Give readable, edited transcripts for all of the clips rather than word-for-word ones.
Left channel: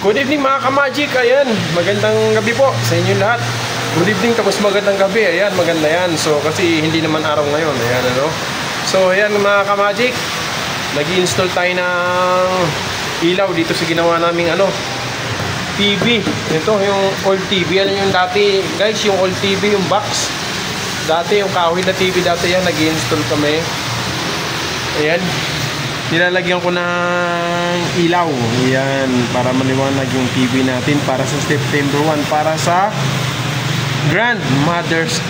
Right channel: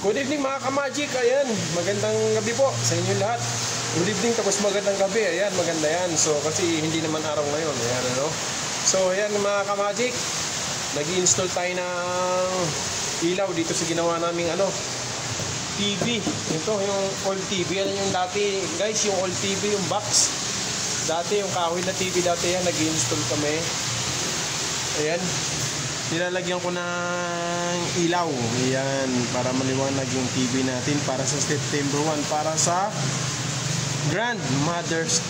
Good evening mga ka-magic, ayan, magandang gabi po sa inyo lahat. Good evening tapos magandang gabi, ayan, maganda yan. So kasi hindi naman araw ngayon, ayan ano. So ayan mga ka-magic, nag-i-install tayo ng ilaw dito sa ginawa naming ano, TV. Ito yung old TV, alam yung dati guys, yung old TV, yung box. Dati yung kahoy na TV dati yan, nag-i-install kami. Ayan. Nilalagyan ko ng ilaw. Ayan, para maliwanag yung TV natin para sa September 1, para sa grandmothers,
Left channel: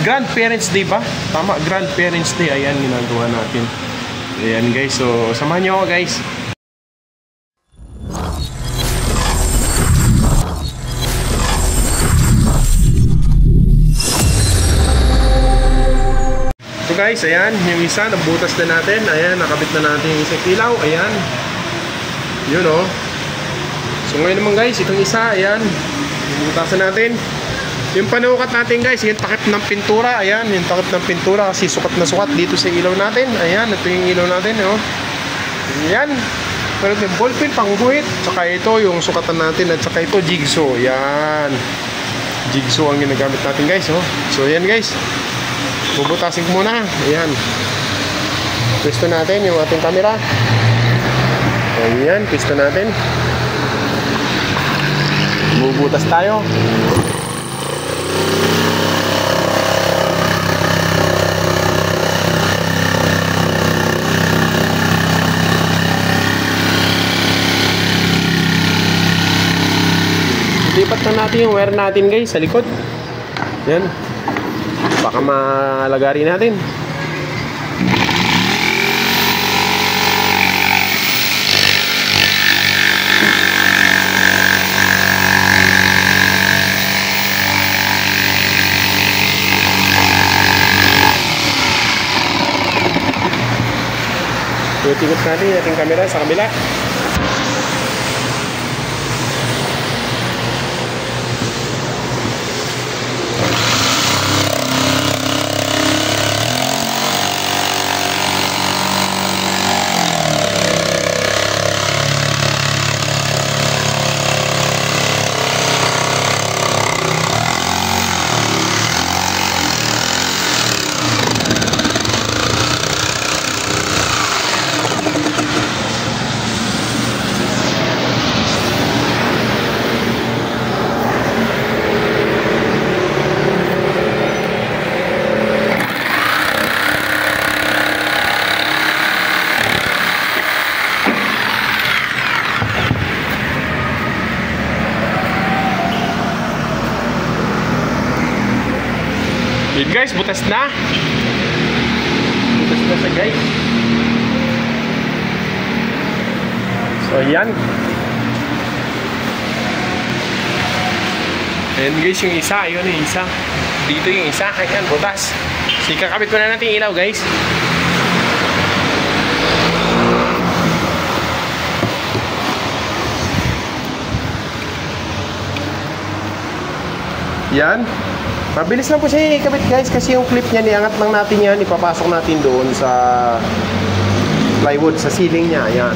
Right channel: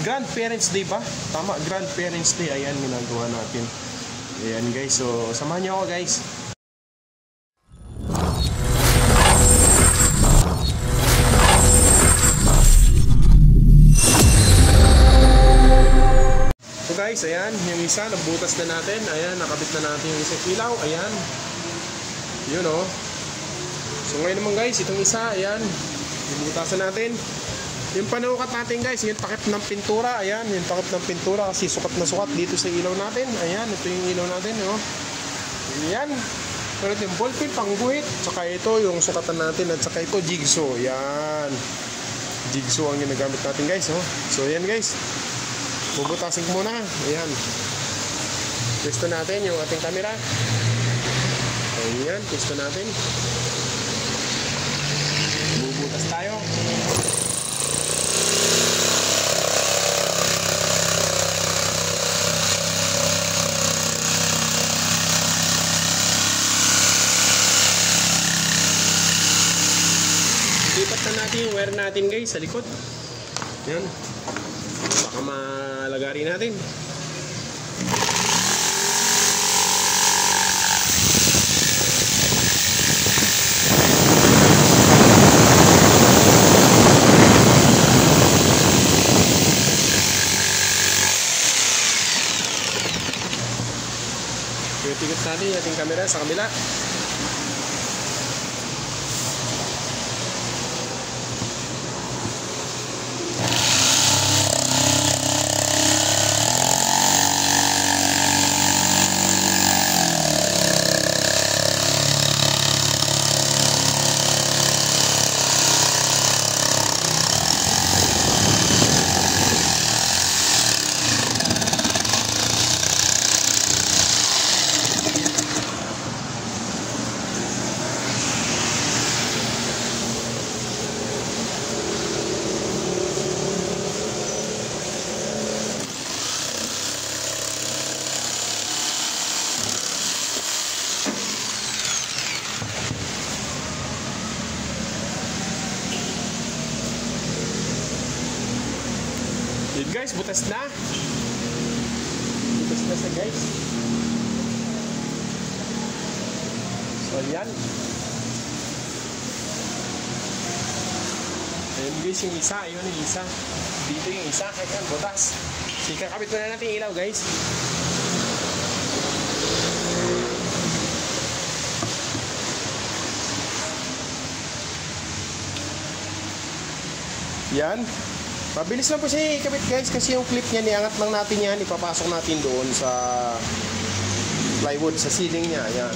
grandparents day ba? Tama, grandparents day. Ayan, ginagawa natin. Ayan guys, so samahan nyo ako guys. Guys, ayan, yung isa nabutas na natin. Ayan, nakabit na natin yung isang ilaw. Ayan, yun o. So ngayon naman guys, itong isa, ayan, bubutasan natin. Yung panukat natin guys, yung takip ng pintura. Ayan, yung takip ng pintura kasi sukat na sukat dito sa ilaw natin. Ayan, ito yung ilaw natin o. Ayan, meron yung ballpen, pangguhit. Tsaka ito yung sukatan natin. At tsaka ito jigsaw. Ayan, jigsaw ang ginagamit natin guys o. So ayan guys, bubutasin ko muna. Ayan, pwesto natin yung ating camera. Ayan, pwesto natin. Bubutas tayo. Lipat na natin yung wire natin guys sa likod. Ayan, baka malagari natin. Tingnan natin yung ating camera sa kabila. Yun guys, butas na. Butas na sa guys. So yan. Ayan guys yung isa. Yun yung isa. Dito yung isa. Ayan, butas. So ikakabit ko na natin ilaw guys. Yan. Mabilis lang po siya ikabit guys kasi yung clip niya, iangat lang natin yan, ipapasok natin doon sa plywood, sa ceiling niya. Ayan.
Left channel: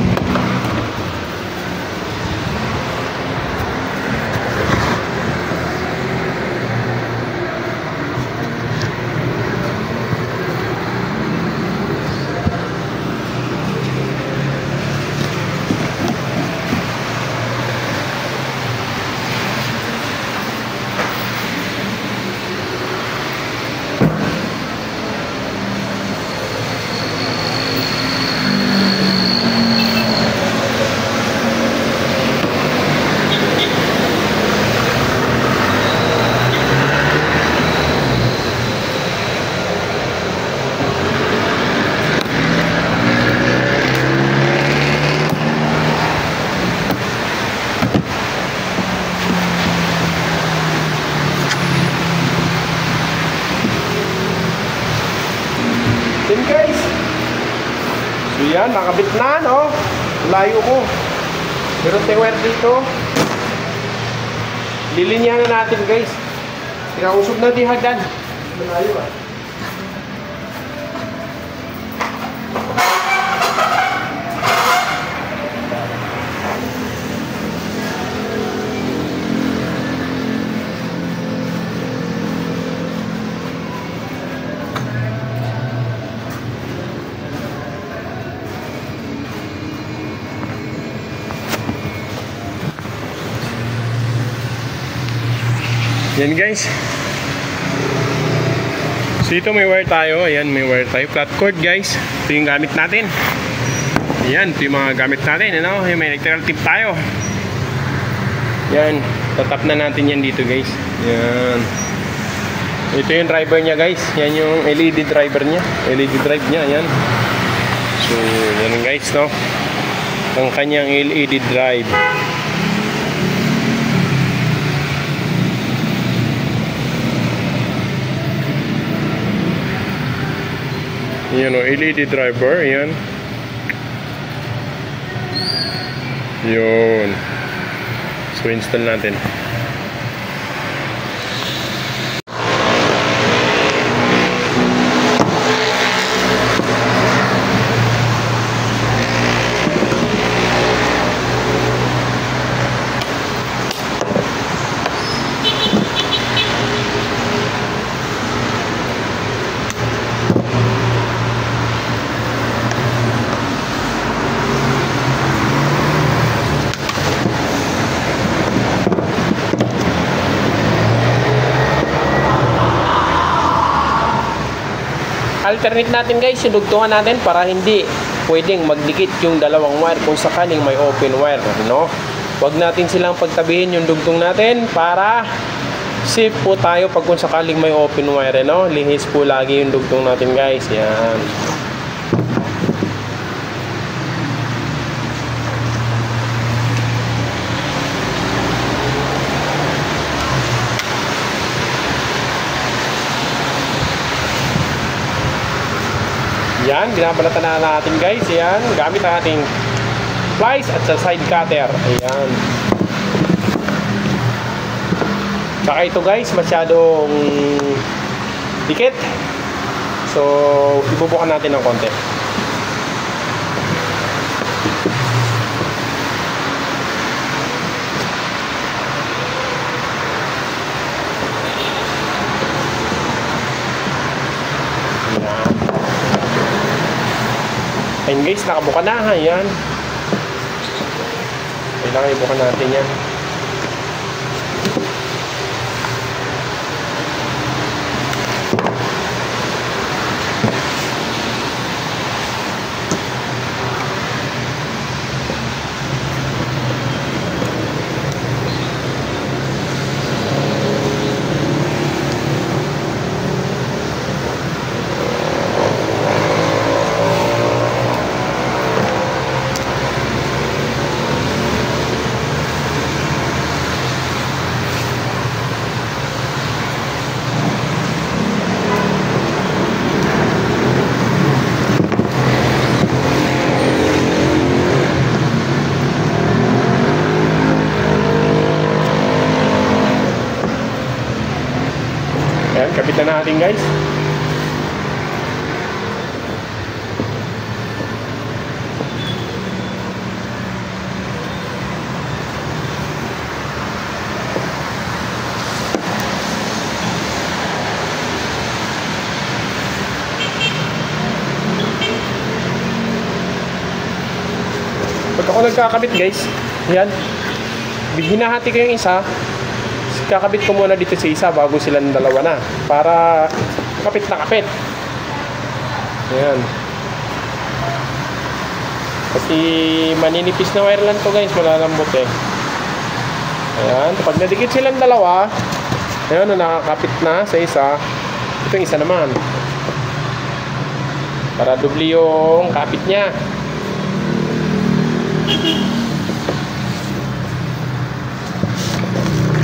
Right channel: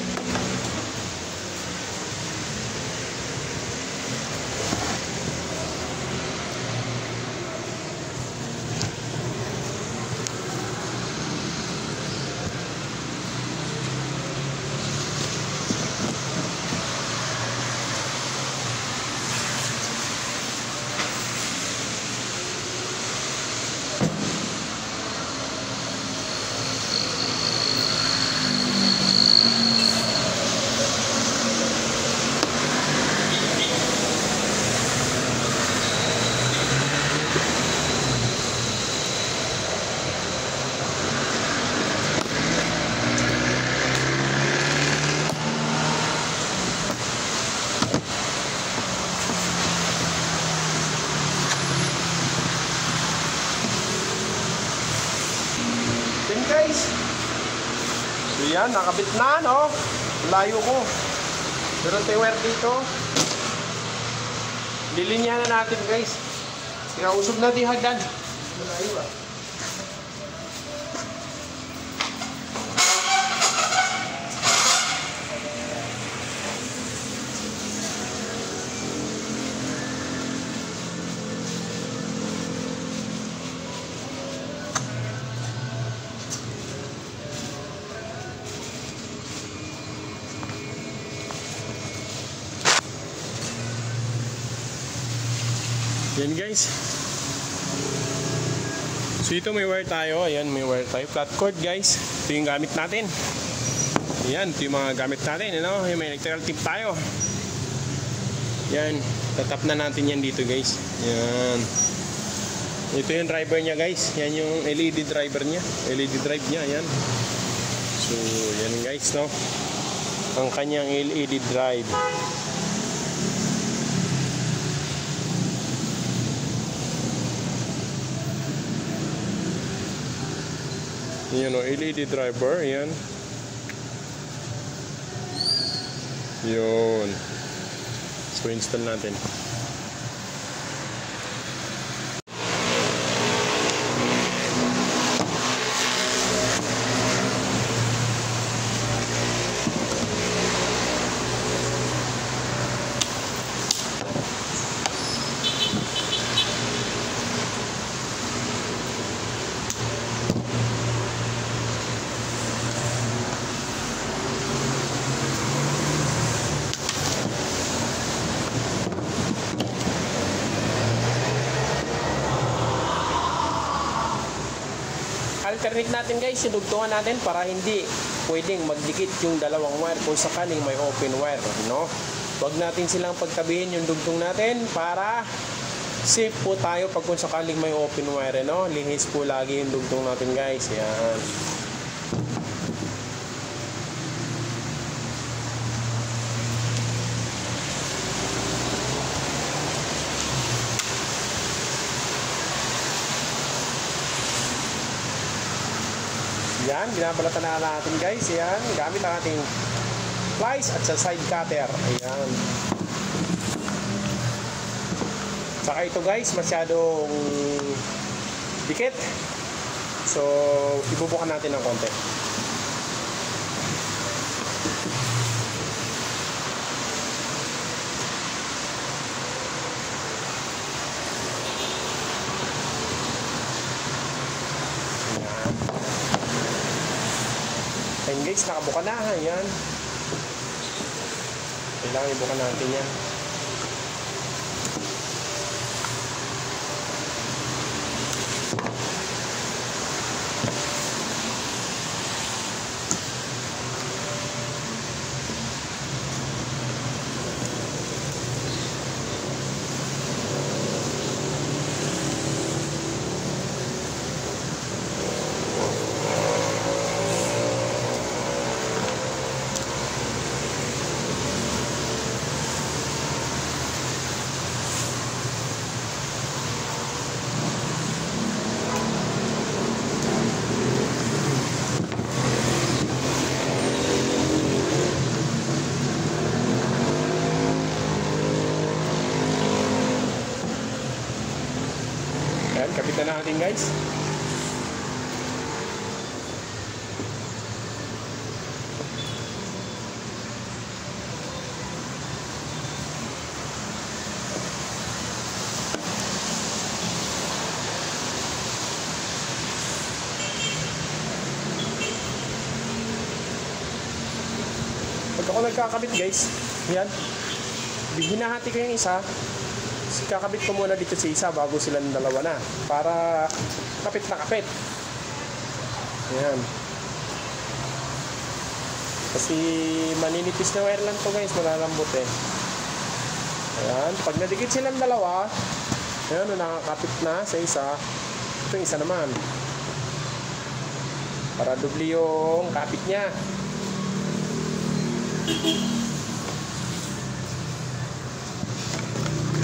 Guys, so yan, nakabit na, no? Layo ko. Meron tayong wire dito. Lilinyahan na natin guys. Ikausog natin hagdan. Malayo ah. Yan guys. So ito may wire tayo. Ayan, may wire tayo. Flat cord guys. Ito yung gamit natin. Ayan, ito yung mga gamit natin. Ano? May electrical tip tayo. Yan. Tatap na natin yan dito guys. Yan. Ito yung driver niya guys. Yan yung LED driver niya. LED drive niya. Ayan. So yan guys, no? Ang kanyang LED drive. Yan o, LED driver, yan. Yun. So, install natin. Alternate natin guys, sinugtungan natin para hindi pwedeng magdikit yung dalawang wire kung sakaling may open wire, no? Huwag natin silang pagtabihin yung dugtong natin para safe po tayo pag kung sakaling may open wire, no? Lihis po lagi yung dugtong natin guys. Yan. Yan, binabalatan na natin guys. Yan, gamit natin pliers at sa side cutter. Ayan. Saka ito guys, masyadong dikit. So, ibubukan natin ng konti. Ayan guys, nakabuka na. Ayan. Kailangan ibuka natin yan. Kapit na natin guys. Pag ako nagkakabit guys, yan, hinahati ko yung isa. Kakabit ko muna dito sa isa bago silang dalawa na para kapit na kapit. Ayan. Kasi maninipis na wire lang to guys, malalambot eh. Ayan, pag nadikit silang dalawa, ayan, nakakapit na sa isa. Ito yung isa naman para doble yung kapit niya.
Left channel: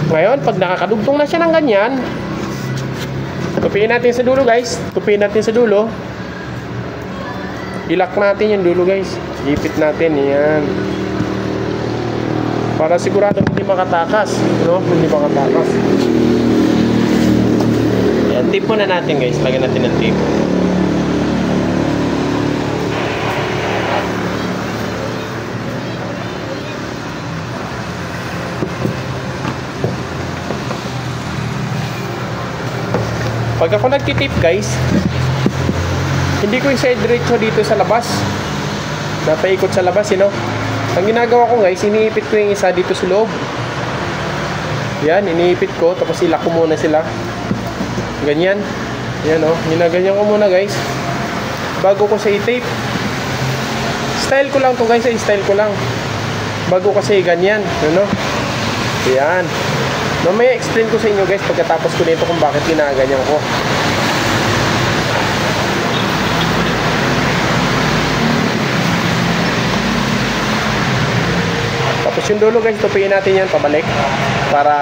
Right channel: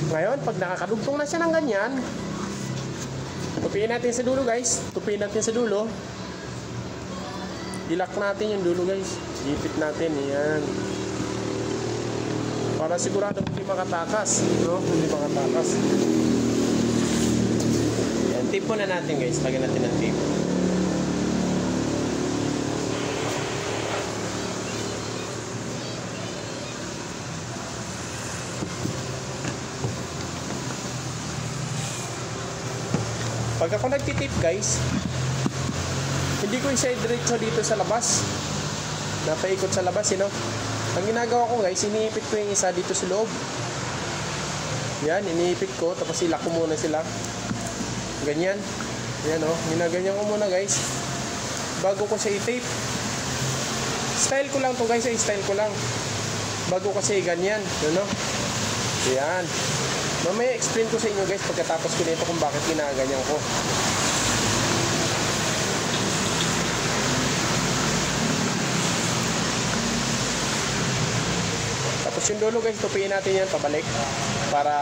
Ngayon, pag nakakadugtong na siya ng ganyan, tupiin natin sa dulo guys. Tupiin natin sa dulo. Ilak natin yung dulo guys. Ipit natin, yan. Para sigurado hindi makatakas, no? Hindi makatakas. Yan, tip muna natin guys. Lagyan natin ng tip. Pag ako nagtitip guys, hindi ko isa diretso dito sa labas. Napaikot sa labas, you know? Ang ginagawa ko guys, iniipit ko yung isa dito sa loob. Yan, iniipit ko. Tapos ilak ko muna sila. Ganyan. Yan o. Ginaganyan ko muna guys. Bago ko sa i-tape. Style ko lang to guys. Style ko lang. Bago kasi ganyan. Ano? Yan. Mamaya explain ko sa inyo guys pagkatapos ko nito kung bakit ginaganyan ko. Tapos yung dulo guys, tupiin natin yan pabalik para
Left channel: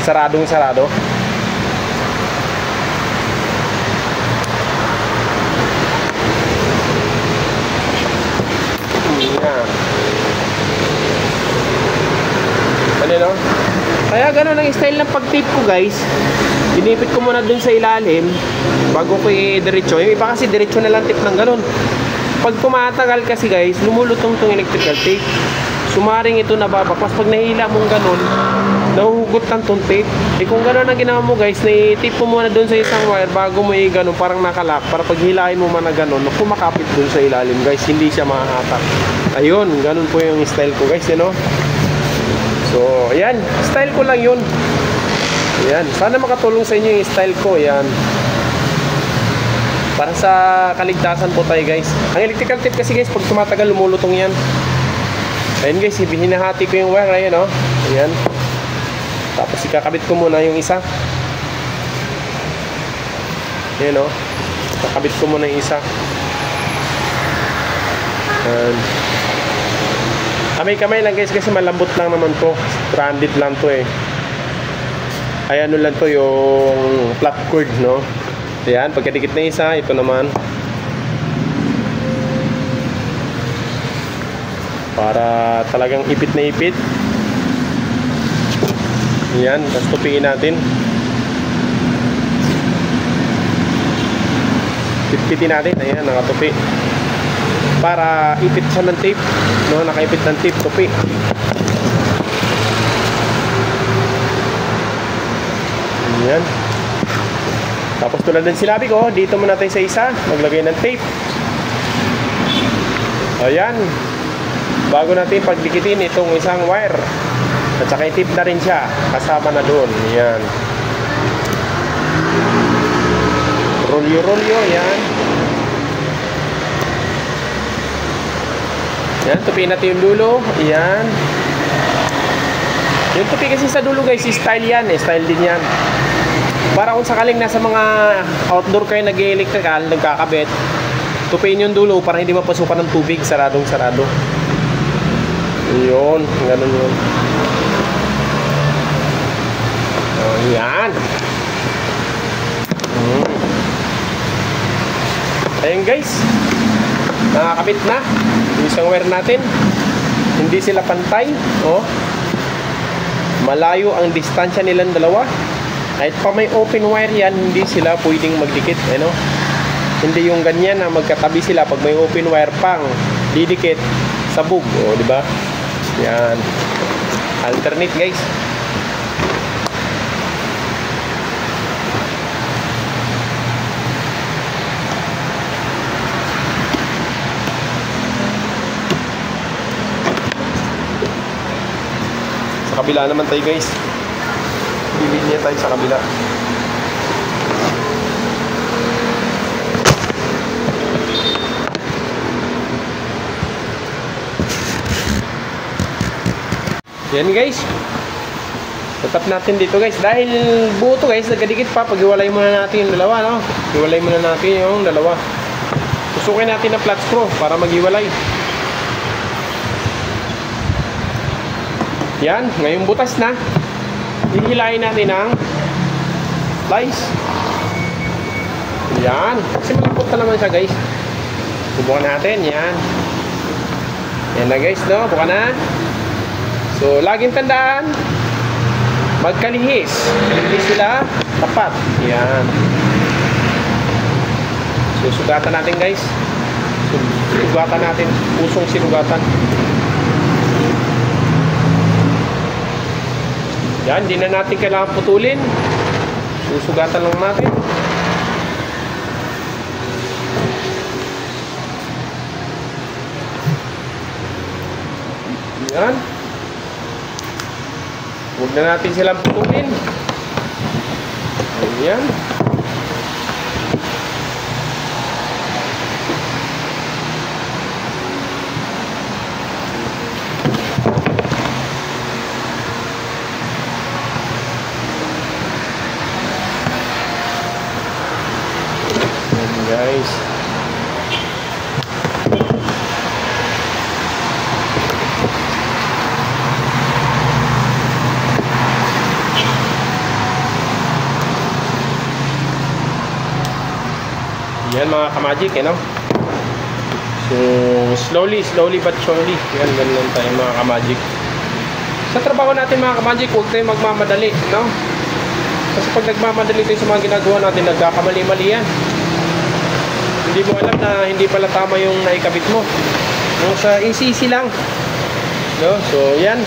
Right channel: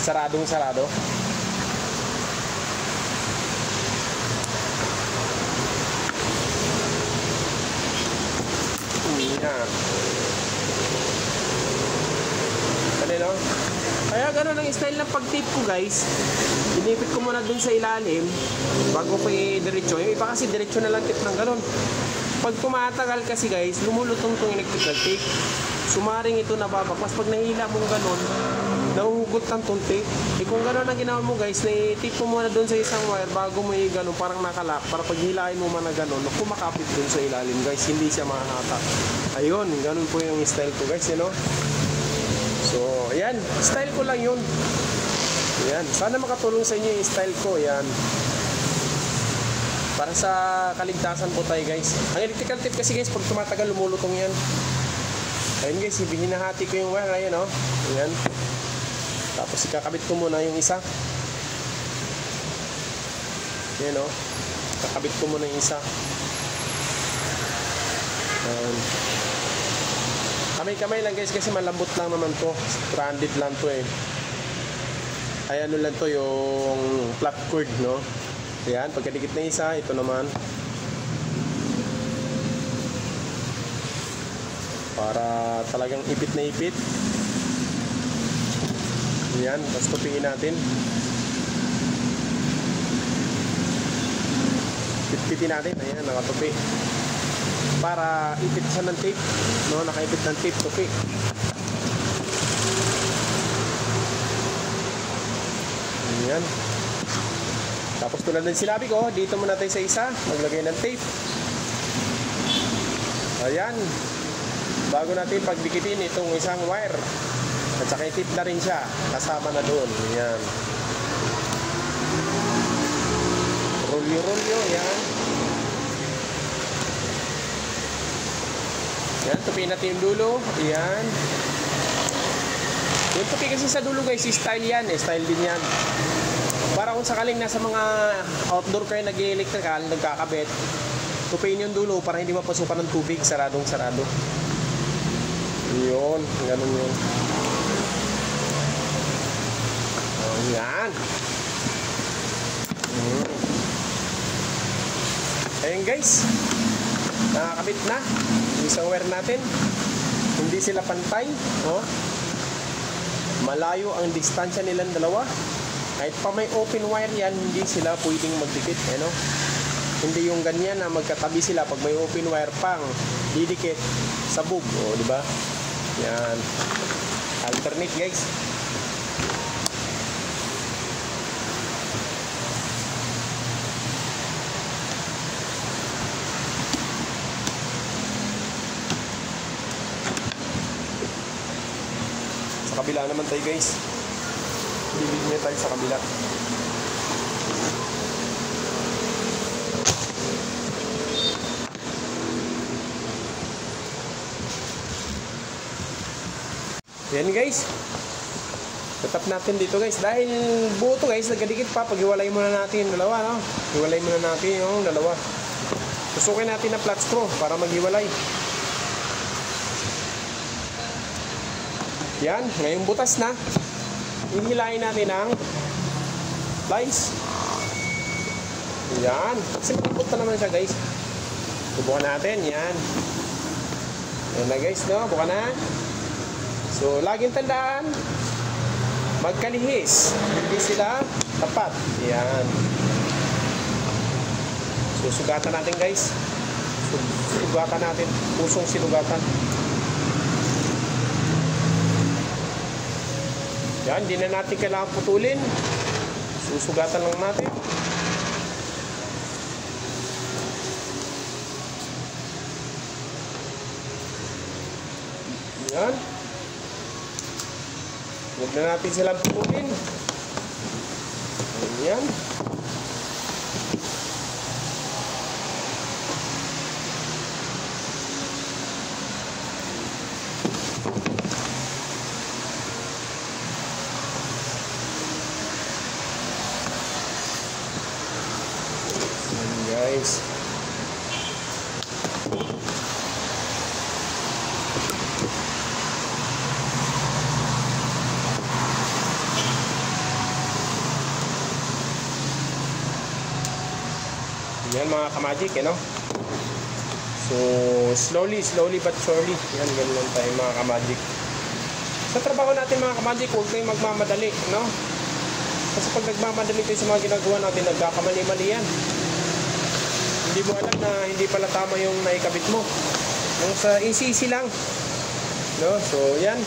saradong sarado. No? Kaya gano'n ang style ng pag-tape ko guys. Inipit ko muna dun sa ilalim bago ko i-diretso. Yung iba kasi diretso na lang tape ng gano'n. Pag tumatagal kasi guys, lumulutong tong electrical tape. Sumaring ito nababaklas. Pag nahila mong gano'n, nahuhugot ng tong tape. Eh kung gano'n ang ginawa mo guys, na-tape mo muna dun sa isang wire bago mo i-gano'n, parang nakalak. Para pag hilahin mo man na gano'n, kumakapit dun sa ilalim guys, hindi siya mahahatak. Ayun, gano'n po yung style ko guys, you know? So, ayan. Style ko lang yun. Ayan. Sana makatulong sa inyo yung style ko. Ayan. Para sa kaligtasan po tayo guys. Ang electrical tape kasi guys, pag tumatagal, lumulutong yan. Ayan guys, hinahati ko yung wire. Ayan o. Ayan. Tapos ikakabit ko muna yung isa. Ayan o. Kakabit ko muna yung isa. Ayan. Kamay-kamay lang guys kasi malambot lang naman to. Stranded lang to eh. Ay ano lang to yung flat cord no. Ayan, pagkadikit na isa, ito naman. Para talagang ipit na ipit. Ayan, tapos tupiin natin. Pitpitin natin, ayan, nakatupi. Para ipit siya ng tape, no? Nakaipit ng tape, tupi. Ayan. Tapos tulad ng sinabi ko, dito muna tayo sa isa, maglagay ng tape. Ayan. Bago natin pagdikitin itong isang wire. At saka i-tape na rin siya, kasama na doon. Ayan. Rolyo-rolyo, ayan. Yan, tupiin natin yung dulo. Yan. Yung tupi kasi sa dulo guys, style yan. Style din yan. Para kung sakaling nasa mga outdoor kayo nag-electrical, nagkakabit, tupiin yung dulo para hindi mapasukan ng tubig. Saradong sarado. Yun. Ganun yun. Yan. Ayan guys. Nakakabit na yung isang wire natin. Hindi sila pantay. Oh. Malayo ang distansya nilang dalawa. Kahit pa may open wire yan, hindi sila pwedeng magdikit. Ano? Hindi yung ganyan na magkatabi sila. Pag may open wire pang didikit, sabog. Oh, di ba? Yan. Alternate guys. Kabila naman tayo guys. Linya tayo sa kabila. Yan guys. Tatap natin dito guys. Dahil buo to guys, nagkadikit pa. Pag-iwalay muna natin yung dalawa, no? Iwalay muna natin yung dalawa. Susukin natin ang flat screw para mag-iwalay. Yan, ngayong butas na. Hihilahin natin ang plies. Yan. Kasi malambot na naman siya guys. Bubukan natin, yan. Yan na guys, no? Bukan na. So, laging tandaan, magkalihis. Hindi sila tapat. Yan. So, sugatan natin guys. Sugatan natin. Pusong sinugatan. Yan, hindi na natin kailangan putulin. Susugatan lang natin. Yan. Huwag na natin silang putulin. Ayan. Guys, yan mga kamagic, no? So, slowly but surely. Yan, ganun tayo mga kamagic. Sa trabaho natin mga kamagic, huwag tayong magmamadali, no? Kasi pag nagmamadali tayo sa mga ginagawa natin, nagkakamali-mali yan. Hindi mo alam na hindi pala tama yung naikabit mo. Yung sa easy lang, no? So, yan.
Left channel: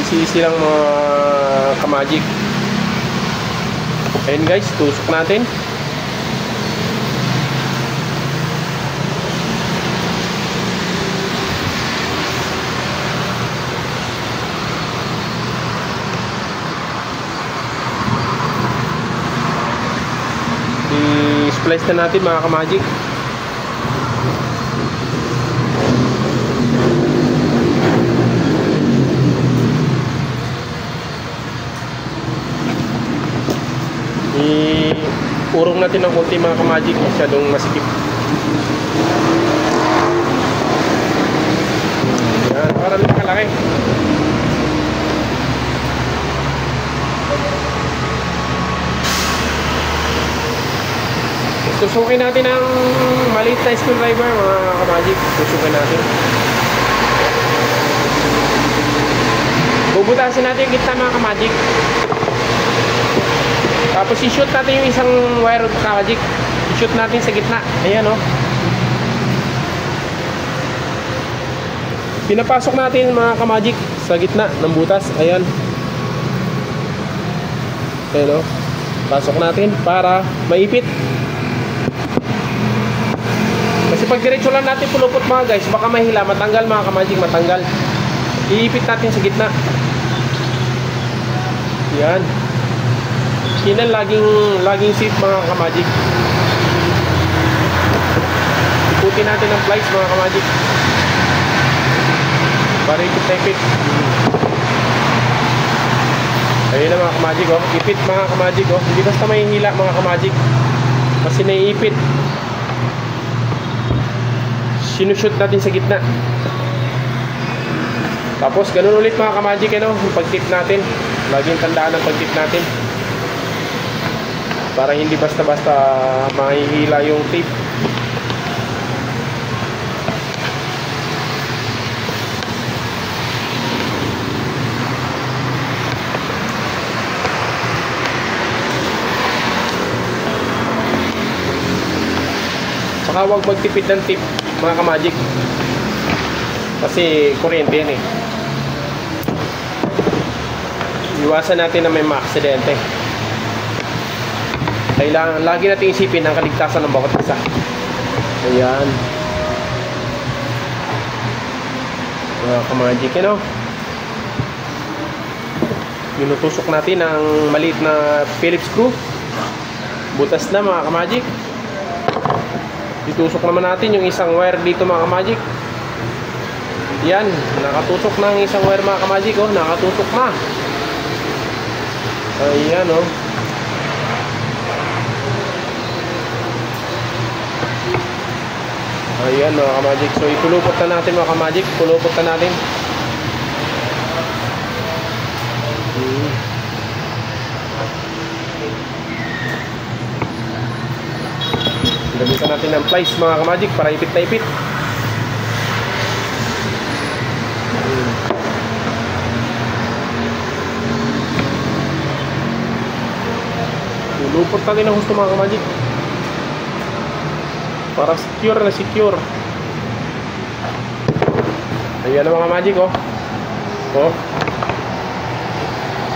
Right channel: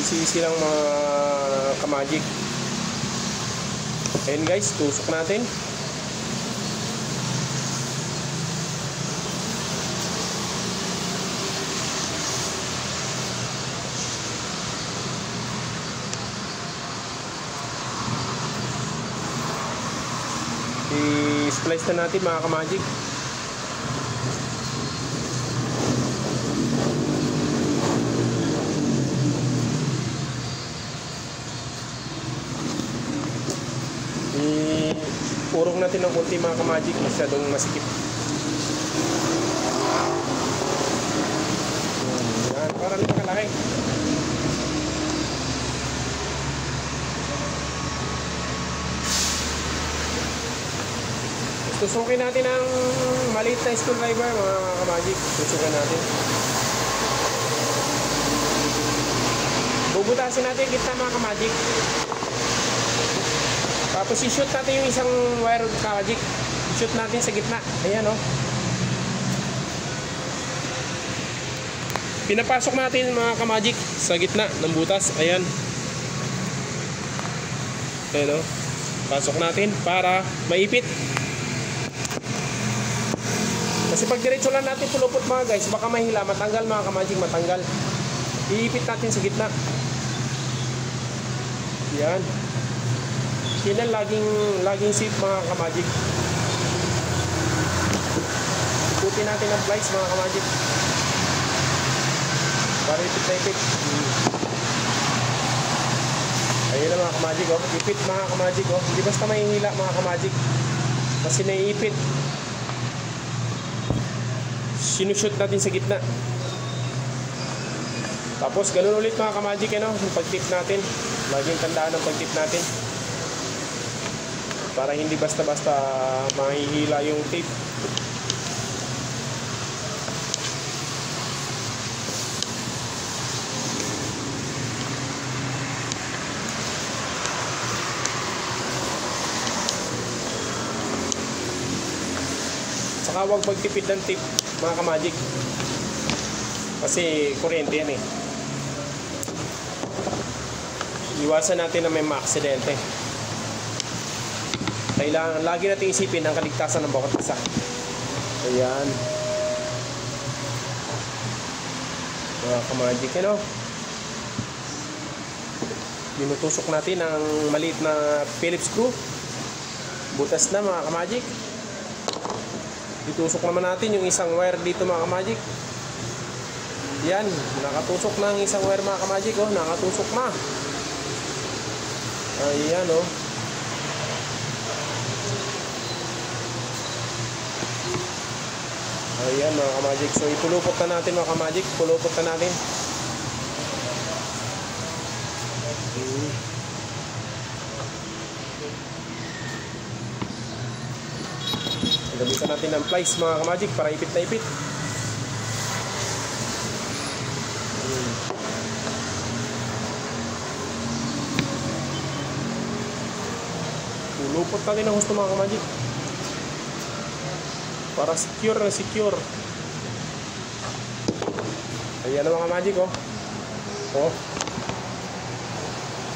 Easy lang mga kamagic. Ayun guys, tusok natin. I-splice na natin mga kamagic. Urong natin ng konti mga kamagic, masyadong masikip. Yan, parang nakalaki. Tusukin natin ang maliit na screwdriver mga kamagic. Tusukin natin. Bubutasin natin yung gitna mga kamagic. Tapos i-shoot natin yung isang wire kamagic. I-shoot natin sa gitna. Ayan o. Pinapasok natin mga kamagic sa gitna ng butas. Ayan. Ayan o. Pasok natin para maipit. Kasi pag diretso lang natin pulupot mga guys, baka mahila, matanggal mga kamagic, matanggal. Iipit natin sa gitna. Yan. Yan laging safe mga kamagic. Iputin natin ang plies mga kamagic. Para ipit. Ayun na mga kamagic oh. Ipit mga kamagic oh. Hindi basta mahihila mga kamagic. Kasi naiipit. Sinushoot natin sa gitna. Tapos ganun ulit mga kamagic, ano, yung pag-tip natin. Laging tandaan ang pag-tip natin. Para hindi basta-basta mahihila yung tip. Saka huwag magtipid ng tip mga kamagic. Kasi kuryente yan eh. Iwasan natin na may maaksidente. Kailangan lagi natin isipin ang kaligtasan ng bawat isa. Ayan. Mga kamagic, ano? Minutusok natin ang maliit na Phillips screw. Butas na mga kamagic. Itusok naman natin yung isang wire dito mga kamagic. Yan, nakatusok na ang isang wire mga kamagic, oh, nakatusok na. Ayan oh. Ayan mga kamagic. So ipulupot na natin mga kamagic. Pulupot na natin. Lagyan natin ng plies mga kamagic para ipit na ipit. Lupot natin ang gusto mga kamagic para secure na secure. Ayan ang mga kamagic oh. Oh.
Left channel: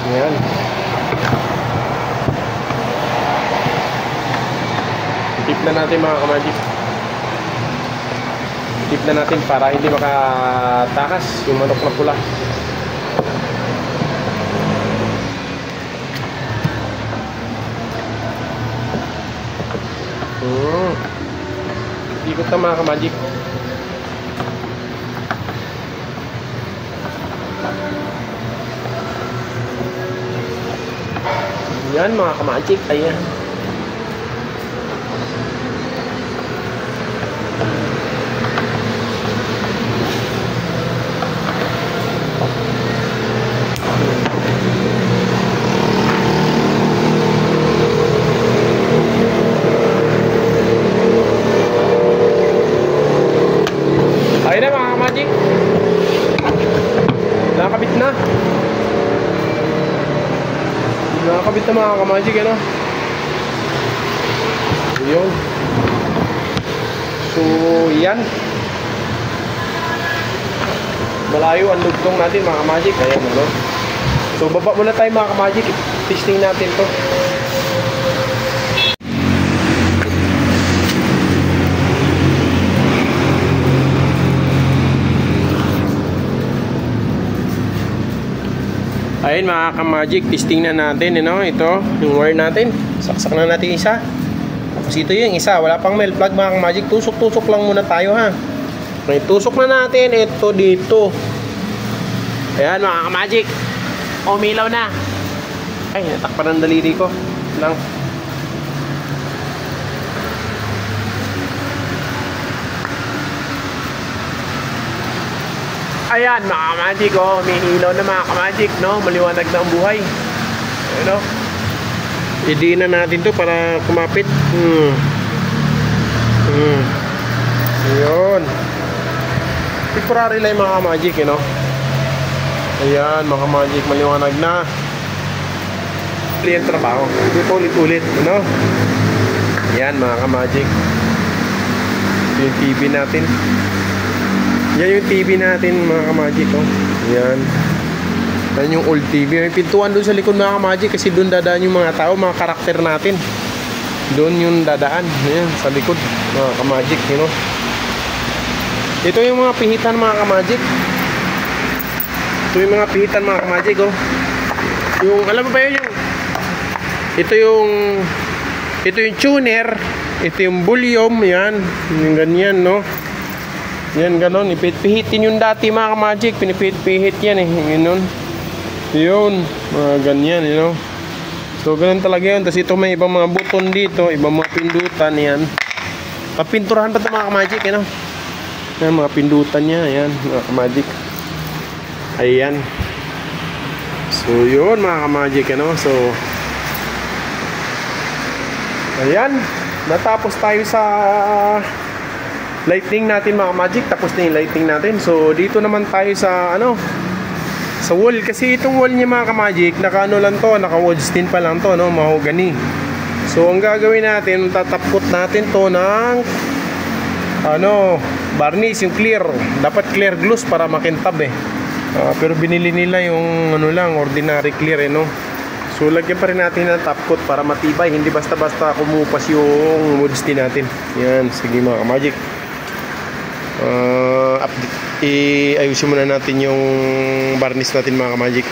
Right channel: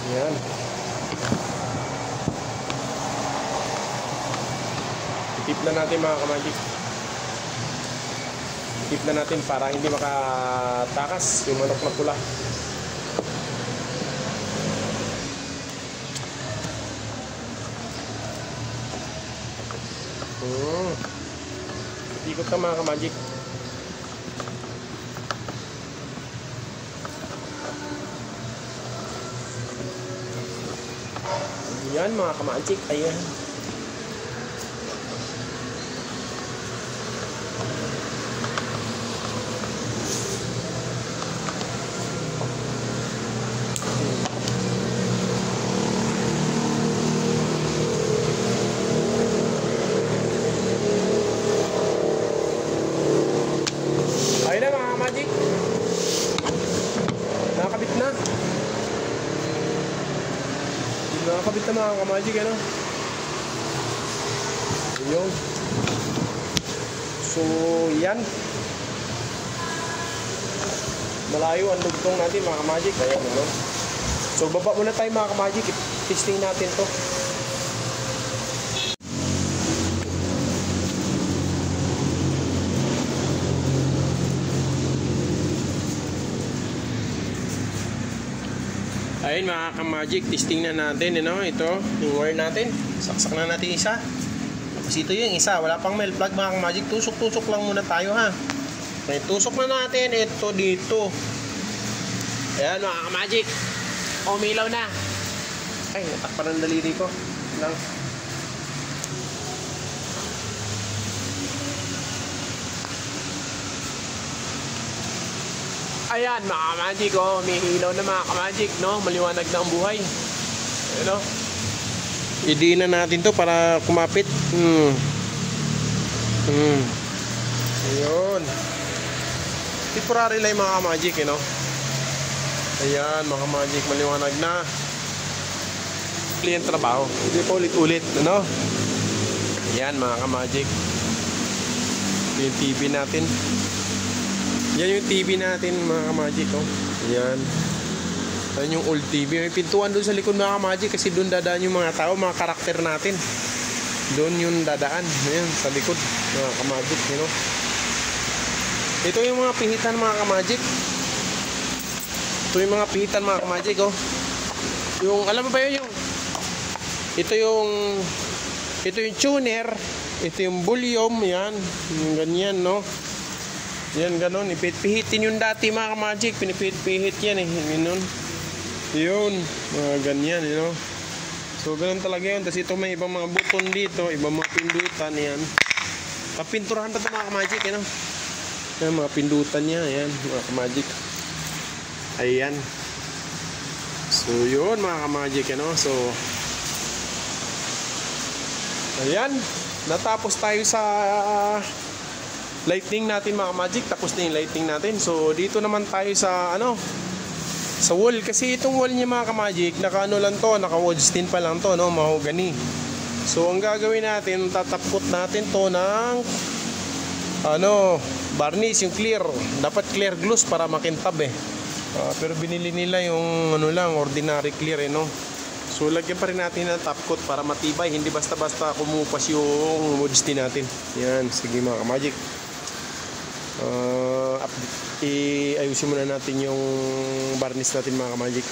Ayan. Tip na natin mga kamagic. Tip na natin para hindi makatakas yung manok na pula. Ikot na mga ka-magic. Yan mga ka-magic, ayan. Ayun na mga ka-magic. Nakakabit na. Nakakabit na mga ka-magic, ano? Ayun. So, yan. Malayo ang lugtong natin mga ka-magic. Ayan, ano? So, baba muna tayo mga ka-magic. Testing natin to. Ayun mga ka-magic, testing na natin, you know, ito, yung wire natin. Saksak na natin isa. Tapos ito yung isa, wala pang melt plug mga ka-magic. Tusok-tusok lang muna tayo ha. Okay, tusok na natin ito dito. Ayan mga ka-magic. Umilaw na. Ay, natakpan ang daliri ko. Lang. Ayan mga ka-magic, oh, may ilaw na mga ka-magic, no? Maliwanag na ang buhay. Ano? I-diin na natin to para kumapit. Ayun. Temporary lang mga ka-magic, you know? Ayan mga ka-magic, maliwanag na. Ulit ang trabaho. Ulit-ulit, ano? Ayan mga ka-magic. Yung TV natin. Yan yung TV natin mga ka-magic, oh. Yan. Yan yung old TV. May pintuan doon sa likod mga ka-magic kasi doon dadaan yung mga tao, mga karakter natin. Doon yung dadaan. Ayan, sa likod mga ka-magic, you know. Ito yung mga pihitan mga ka-magic. Ito yung mga pihitan mga ka-magic, oh. Yung, alam mo ba yun yung ito yung tuner, ito yung volume, yan. Yung ganyan, no. Yan, ganon. Ipihit-pihitin yung dati mga ka-magic. Pinipihit-pihit yan eh. Ganon. Yun. Mga ganyan, you know. So, ganon talaga yun. Tapos ito may ibang mga button dito. Ibang mga pindutan, yan. Papinturahan pa ito mga ka-magic, you know. Yan, mga pindutan niya. Ayan, mga ka-magic. Ayan. So, yun mga ka-magic, you know. So, ayan. Natapos tayo sa lighting natin mga magic, tapos na yung lighting natin. So dito naman tayo sa ano, sa wall, kasi itong wall niya mga ka-magic, naka ano lang to, naka wood stain pa lang to, no, mahogany. So ang gagawin natin, tatapkot natin to ng ano, varnish, yung clear. Dapat clear gloss para makintab eh. Pero binili nila yung ano lang, ordinary clear eh, no. So lagyan pa rin natin ng top coat para matibay, hindi basta-basta kumupas yung wood stain natin. Yan, sige mga ka-magic. Ayusin muna natin yung varnish natin mga ka-magic.